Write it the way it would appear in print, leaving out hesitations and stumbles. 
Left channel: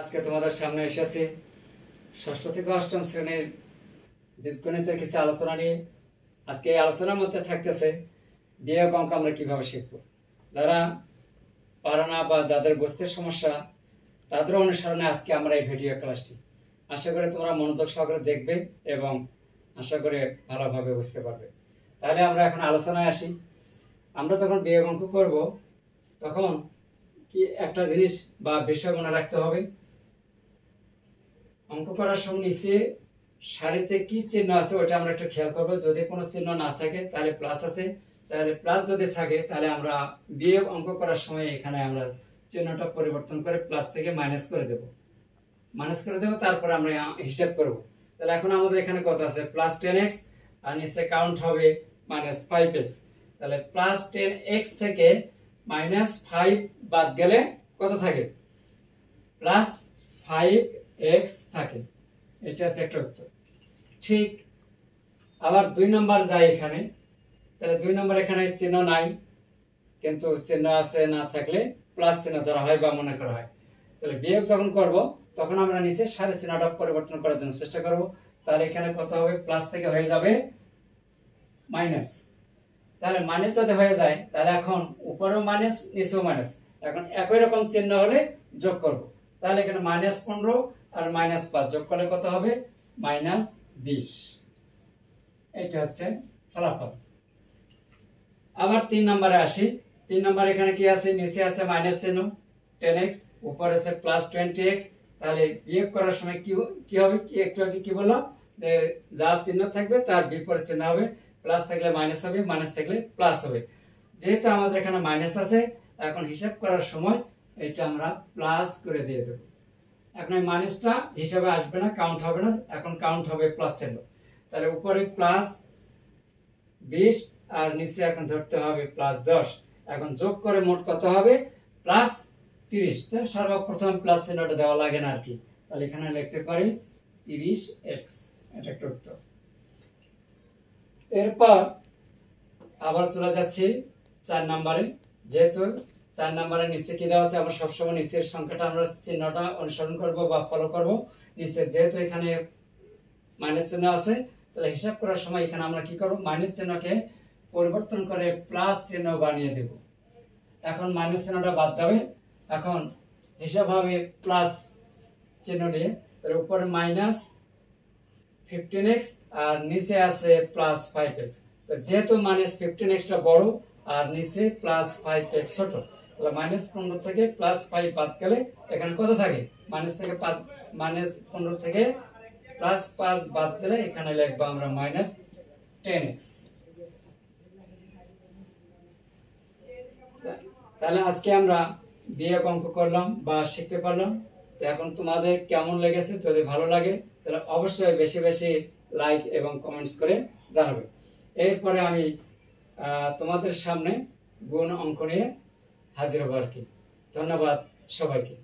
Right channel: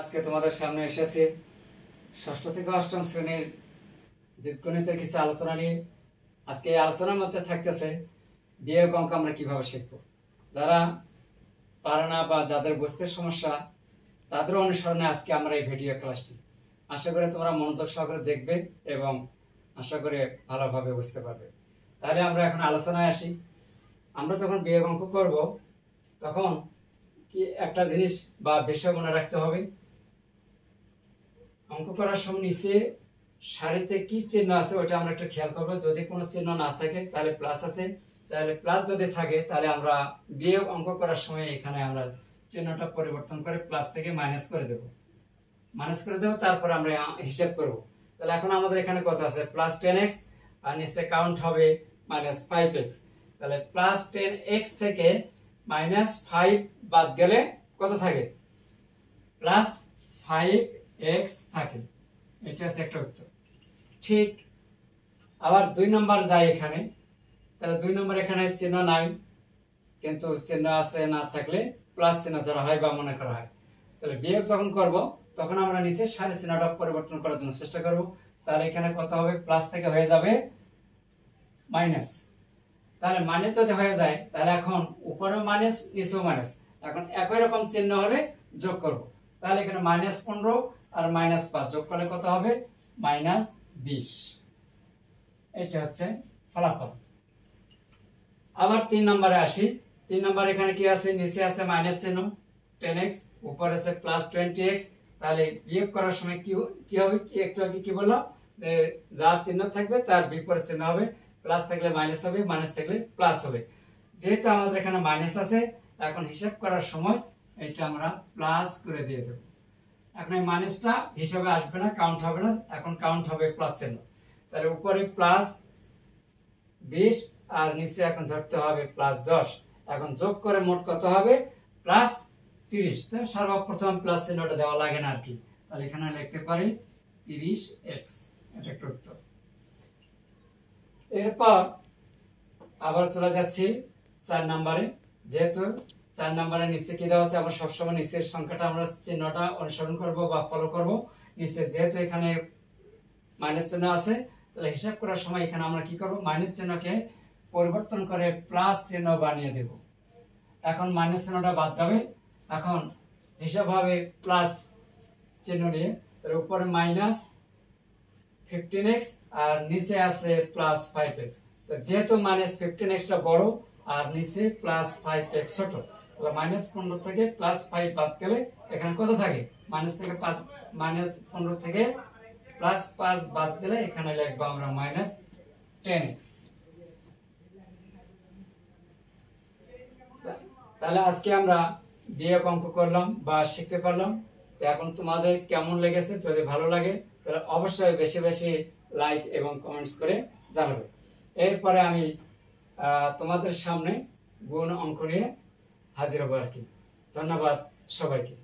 আজকে তোমাদের সামনে এসেছি ষষ্ঠ থেকে অষ্টম শ্রেণীর বীজগণিতের কিছু আলোচনা নিয়ে। আজকে এই আলোচনার মধ্যে থাকতেছে বিয়োগ অঙ্ক আমরা কিভাবে শিখব। যারা পারে না বা যাদের বুঝতে সমস্যা তাদের অনুসরণে আজকে আমরা এই ভিডিও ক্লাসটি, আশা করি তোমরা মনোযোগ সহকারে দেখবে এবং আশা করি ভালোভাবে বুঝতে পারবে। তাহলে আমরা এখন আলোচনায় আসি। আমরা যখন বিয়োগ অঙ্ক করব তখন কি একটা জিনিস বা বিষয় মনে রাখতে হবে। অঙ্ক করার সময় নিচে সারিতে কি চিহ্ন আছে ওটা আমরা একটু খেয়াল করবো। যদি কোনো চিহ্ন না থাকে তাহলে প্লাস আছে, তাহলে প্লাস যদি থাকে তাহলে আমরা বিয়োগ অঙ্ক করার সময় এখানে আমরা চিহ্নটা পরিবর্তন করে প্লাস থেকে মাইনাস করে দেব। তারপরে আমরা হিসাব করব। তাহলে এখন আমাদের এখানে কত আছে? প্লাস 10x আর নিচে কাউন্ট হবে মাইনাস 5x। তাহলে প্লাস 10x থেকে মাইনাস 5 বাদ গেলে কত থাকে? প্লাস 5x থাকে। এটা হচ্ছে একটা উত্তর। ঠিক আবার 2 নম্বর যায় এখানে। তাহলে 2 নম্বর এখানে চিহ্ন নাই, কিন্তু চিহ্ন আছে, না থাকলে প্লাস চিহ্ন ধরা হয় বা মনে করা হয়। তাহলে বিয়োগ যখন করব তখন আমরা নিচে সারি চিহ্নটা পরিবর্তন করার জন্য চেষ্টা করব। তাহলে এখানে কত হবে? প্লাস থেকে হয়ে যাবে মাইনাস। তাহলে মাইনাস যদি হয়ে যায় তাহলে এখন উপরেও মাইনাস নিচেও মাইনাস, এখন একই রকম চিহ্ন হলে যোগ করব। তাহলে এখানে মাইনাস 15 আর মাইনাস 5 যোগ করলে কত হবে? মাইনাস 20। এটা হচ্ছে ফলাফল। আবার 3 নম্বরে আসি। 3 নম্বর এখানে কি আছে? নিচে আছে মাইনাস চিহ্ন 10x, উপরে আছে প্লাস 20x। তাহলে বিয়োগ করার সময় কি হবে? একটু আগে কি বললাম? যা চিহ্ন থাকবে তার বিপরীত চিহ্ন হবে। প্লাস থাকলে মাইনাস হবে, মাইনাস থাকলে প্লাস হবে। যেহেতু আমাদের এখানে মাইনাস আছে, এখন হিসাব করার সময় এটা আমরা প্লাস করে দিয়ে দেব। এখন এই মাইনাসটা হিসাবে আসবে না, কাউন্ট হবে না, এখন কাউন্ট হবে প্লাস চিহ্ন। তাহলে উপরে প্লাস 20 আর নিচে এখন ধরতে হবে প্লাস 10। এখন যোগ করে মোট কত হবে? প্লাস 30। তাহলে সর্বপ্রথম প্লাস চিহ্নটা দেওয়া লাগে না আর কি। তাহলে এখানে লিখতে পারি 30x। এটা একটা উত্তর। এরপর আবার চলে যাচ্ছি 4 নম্বরে। যেহেতু 4 নম্বরের নিচে কি দেওয়া আছে, আমরা সবসময় নিচের সংখ্যাটা আমরা চিহ্নটা অনুসরণ করব বা ফলো করব। নিচে যেহেতু এখানে মাইনাস চিহ্ন আছে, তাহলে হিসাব করার সময় এখানে আমরা কি করব? মাইনাস চিহ্নকে পরিবর্তন করে প্লাস চিহ্ন বানিয়ে দেব। এখন মাইনাস চিহ্নটা বাদ যাবে, এখন হিসাব হবে প্লাস চিহ্ন নিয়ে। তার উপরে মাইনাস 15x আর নিচে আছে প্লাস 5x। তো যেহেতু মাইনাস 15xটা বড় আর নিচে প্লাস 5x ছোট, তাহলে মাইনাস 15 থেকে প্লাস 5 বাদ গেলে এখানে কত থাকে? মাইনাস 15 থেকে প্লাস 5 বাদ দিলে এখানে লিখবো আমরা মাইনাস 10x। তাহলে আজকে আমরা বিয়োগ অঙ্ক করলাম বা শিখতে পারলাম। তো এখন তোমাদের কেমন লেগেছে? যদি ভালো লাগে তাহলে অবশ্যই বেশি বেশি লাইক এবং কমেন্টস করে জানাবে। এরপরে আমি তোমাদের সামনে গুণ অঙ্ক নিয়ে হাজির হব আর কি। ধন্যবাদ সবাইকে।